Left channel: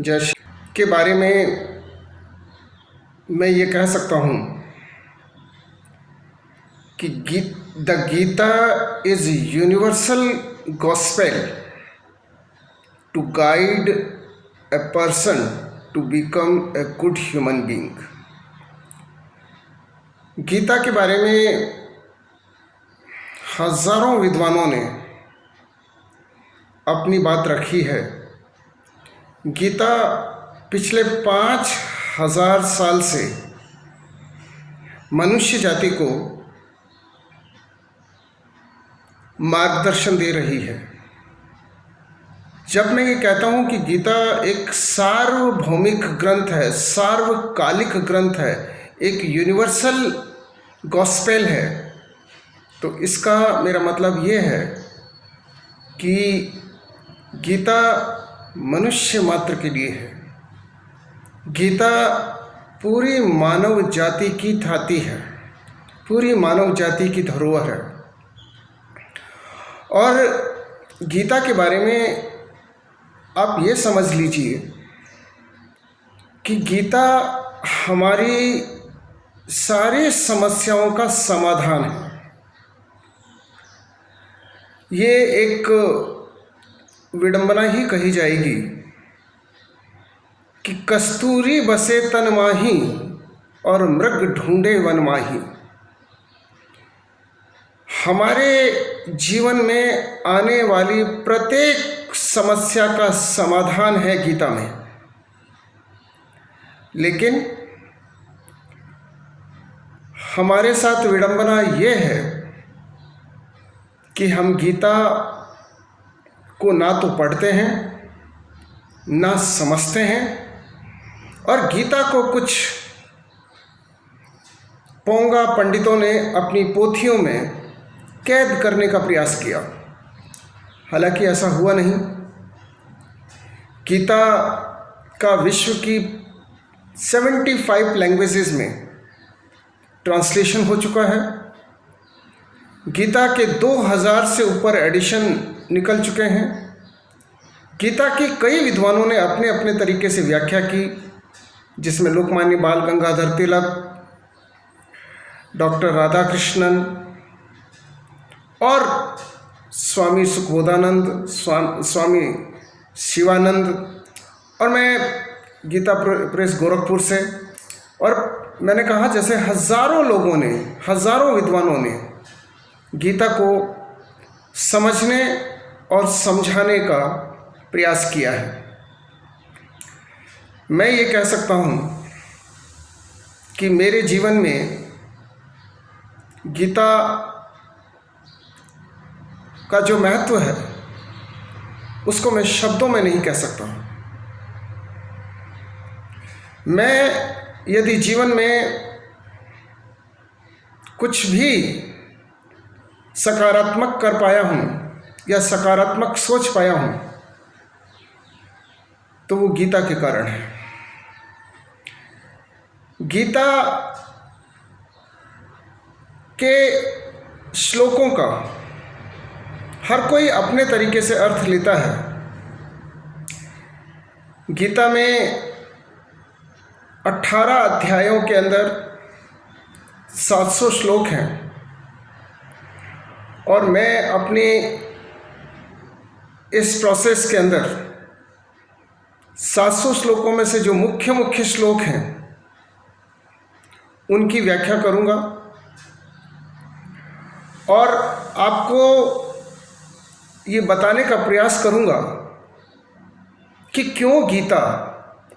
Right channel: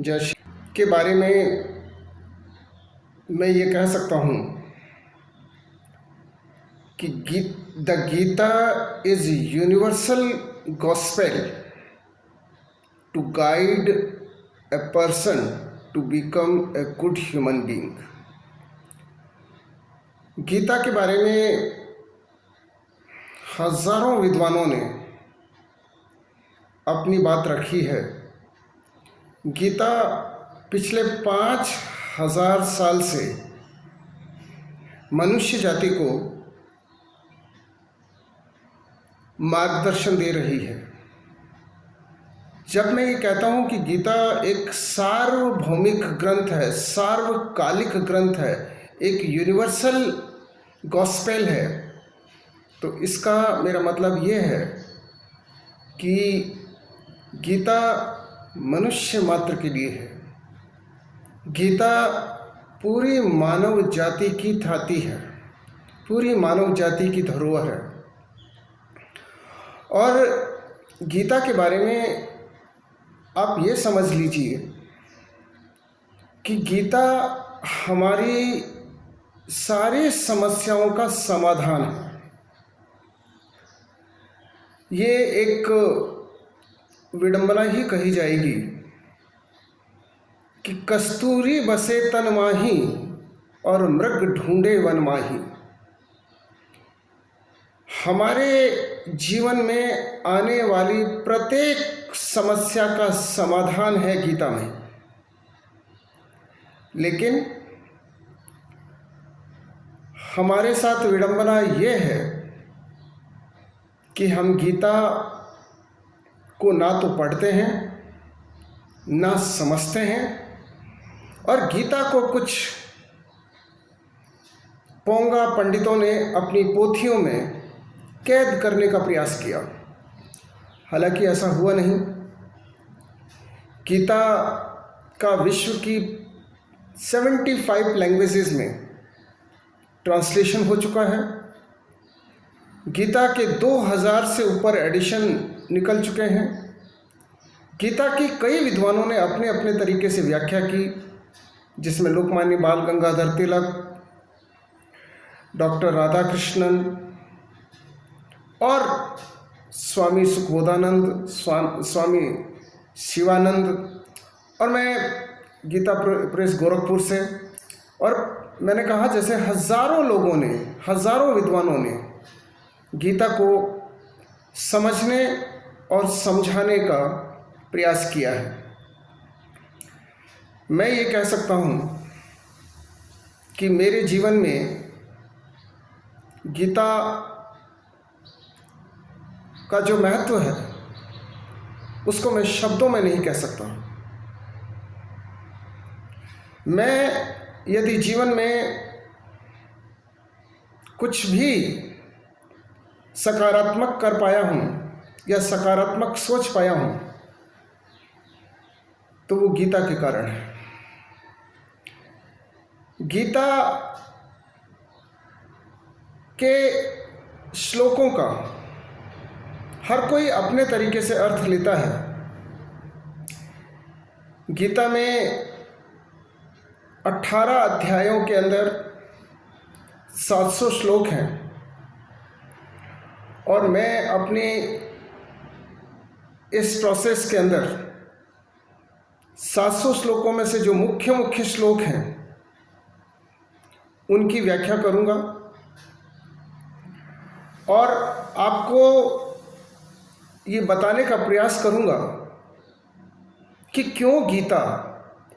जैसे के बारे में मैं ये कह सकता हूँ कि the Gita is universal gospel to guide a person to become a good human being. Gita के बारे में हजारों विद्वानों ने अपनी बात रखी है। गीता पिछले 5000 साल से मनुष्य जाति को मार्गदर्शन दे रही है। जब मैं ये कहता हूँ कि गीता एक सार्वभौमिक ग्रंथ है, सार्वकालिक ग्रंथ है, एक यूनिवर्सल गॉस्पेल है, तो इसका मेरा मतलब ये है कि गीता मनुष्य मात्र के लिए है। गीता पूरी मानव जाति की थाती है, पूरी मानव जाति की धरोहर है। और गीता के बारे में आप ये समझ लीजिए कि गीता हमारी सारी समस्याओं का समाधान है। ये एक विडंबना ही कही जाएगी कि कस्तूरी बसे तन माही और मृग ढूंढे वन माही। हमारे जीवन में आने वाली प्रत्येक समस्या का समाधान है गीता में। लेकिन हमारे साथ विडंबना ये है कि हम गीता को ना तो पढ़ते हैं, ना समझते हैं, और गीता को कुछ पोंगा पंडितों ने अपनी पोथियों में कैद करने का प्रयास किया। हालांकि ऐसा हुआ नहीं। गीता का विश्व की 75 लैंग्वेजेस में ट्रांसलेशन हो चुका है। गीता के 2000 से ऊपर एडिशन निकल चुके हैं। गीता की कई विद्वानों ने अपने अपने तरीके से व्याख्या की, जिसमें लोकमान्य बाल गंगाधर तिलक, डॉक्टर राधाकृष्णन और स्वामी सुखबोधानंद, स्वामी शिवानंद, और मैं गीता प्रेस गोरखपुर से। और मैंने कहा जैसे हजारों लोगों ने, हजारों विद्वानों ने गीता को समझने और समझाने का प्रयास किया है। मैं ये कह सकता हूँ कि मेरे जीवन में गीता का जो महत्व है उसको मैं शब्दों में नहीं कह सकता। मैं यदि जीवन में कुछ भी सकारात्मक कर पाया हूँ या सकारात्मक सोच पाया हूँ तो वो गीता के कारण है। गीता के श्लोकों का हर कोई अपने तरीके से अर्थ लेता है। गीता में 18 अध्यायों के अंदर 700 श्लोक हैं, और मैं अपने इस प्रोसेस के अंदर 700 श्लोकों में से जो मुख्य मुख्य श्लोक हैं उनकी व्याख्या करूंगा और आपको ये बताने का प्रयास करूंगा कि क्यों गीता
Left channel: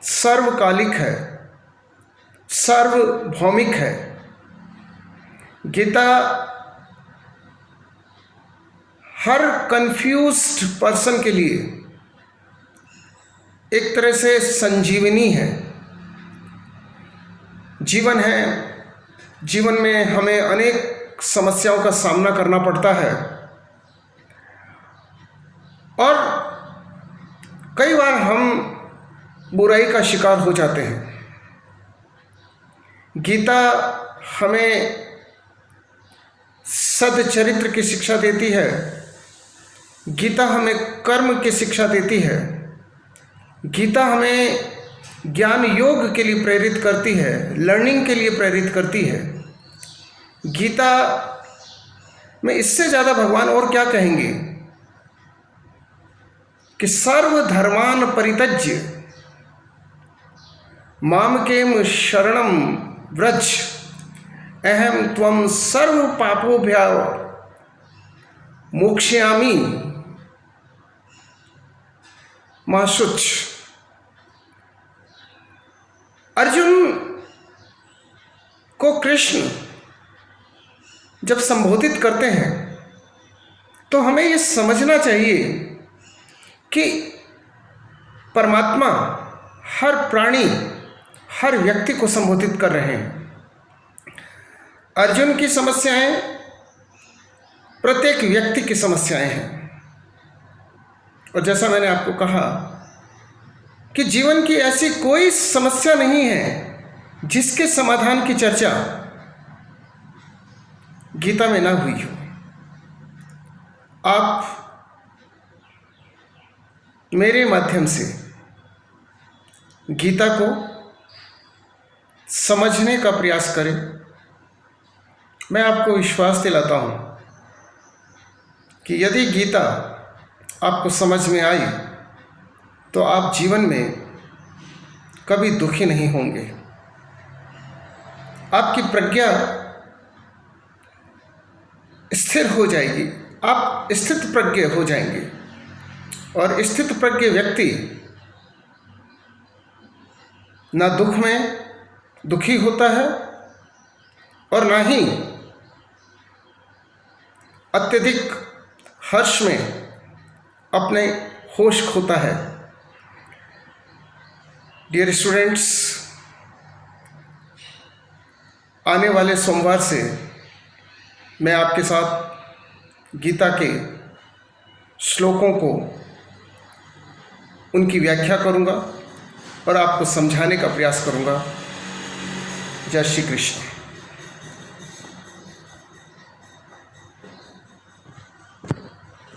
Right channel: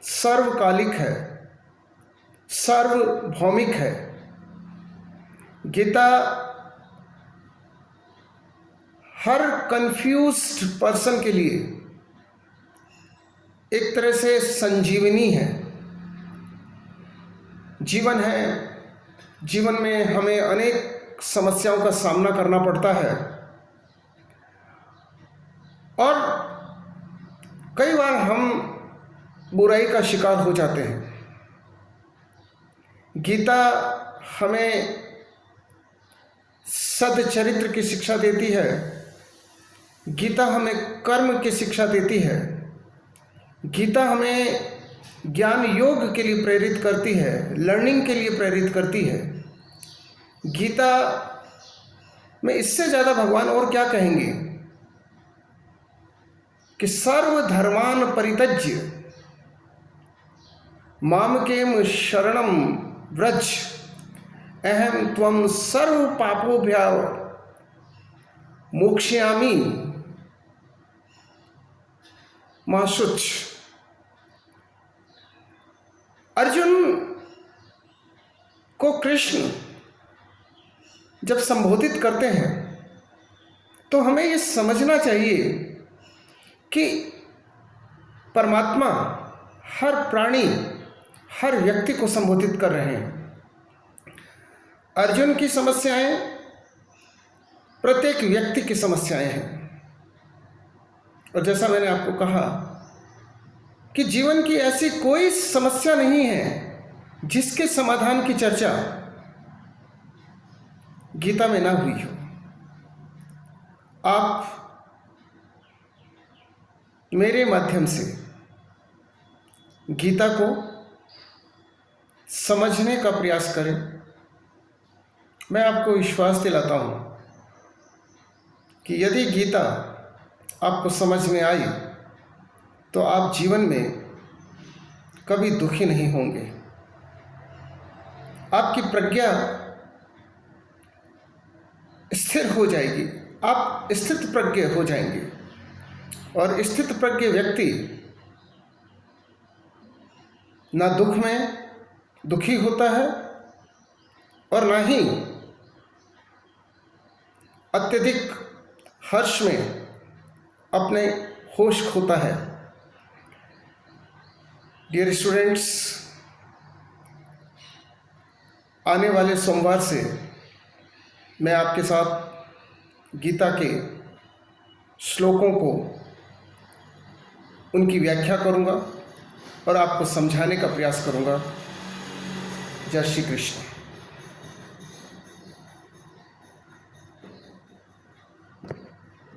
सर्वकालिक है, सार्वभौमिक है। गीता हर कंफ्यूज्ड पर्सन के लिए एक तरह से संजीवनी है। जीवन है, जीवन में हमें अनेक समस्याओं का सामना करना पड़ता है, और कई बार हम बुराई का शिकार हो जाते हैं। गीता हमें सद्चरित्र की शिक्षा देती है, गीता हमें कर्म की शिक्षा देती है, गीता हमें ज्ञान योग के लिए प्रेरित करती है, लर्निंग के लिए प्रेरित करती है। गीता में इससे ज़्यादा भगवान और क्या कहेंगे कि सर्वधर्मान परित्यज्य मामकेम शरणम व्रज अहम त्वं सर्व पापोभ्यो मोक्ष्यामि मा शुच। अर्जुन को कृष्ण जब संबोधित करते हैं तो हमें ये समझना चाहिए कि परमात्मा हर प्राणी, हर व्यक्ति को संबोधित कर रहे हैं। अर्जुन की समस्याएं प्रत्येक व्यक्ति की समस्याएं हैं। और जैसा मैंने आपको कहा कि जीवन की ऐसी कोई समस्या नहीं है जिसके समाधान की चर्चा गीता में ना हुई हो। आप मेरे माध्यम से गीता को समझने का प्रयास करें। मैं आपको विश्वास दिलाता हूं कि यदि गीता आपको समझ में आई तो आप जीवन में कभी दुखी नहीं होंगे। आपकी प्रज्ञा स्थिर हो जाएगी, आप स्थित प्रज्ञ हो जाएंगे। और स्थित प्रज्ञ व्यक्ति ना दुख में दुखी होता है और ना ही अत्यधिक हर्ष में अपने होश खोता है। डियर स्टूडेंट्स, आने वाले सोमवार से मैं आपके साथ गीता के श्लोकों को, उनकी व्याख्या करूंगा और आपको समझाने का प्रयास करूंगा। जय श्री कृष्ण।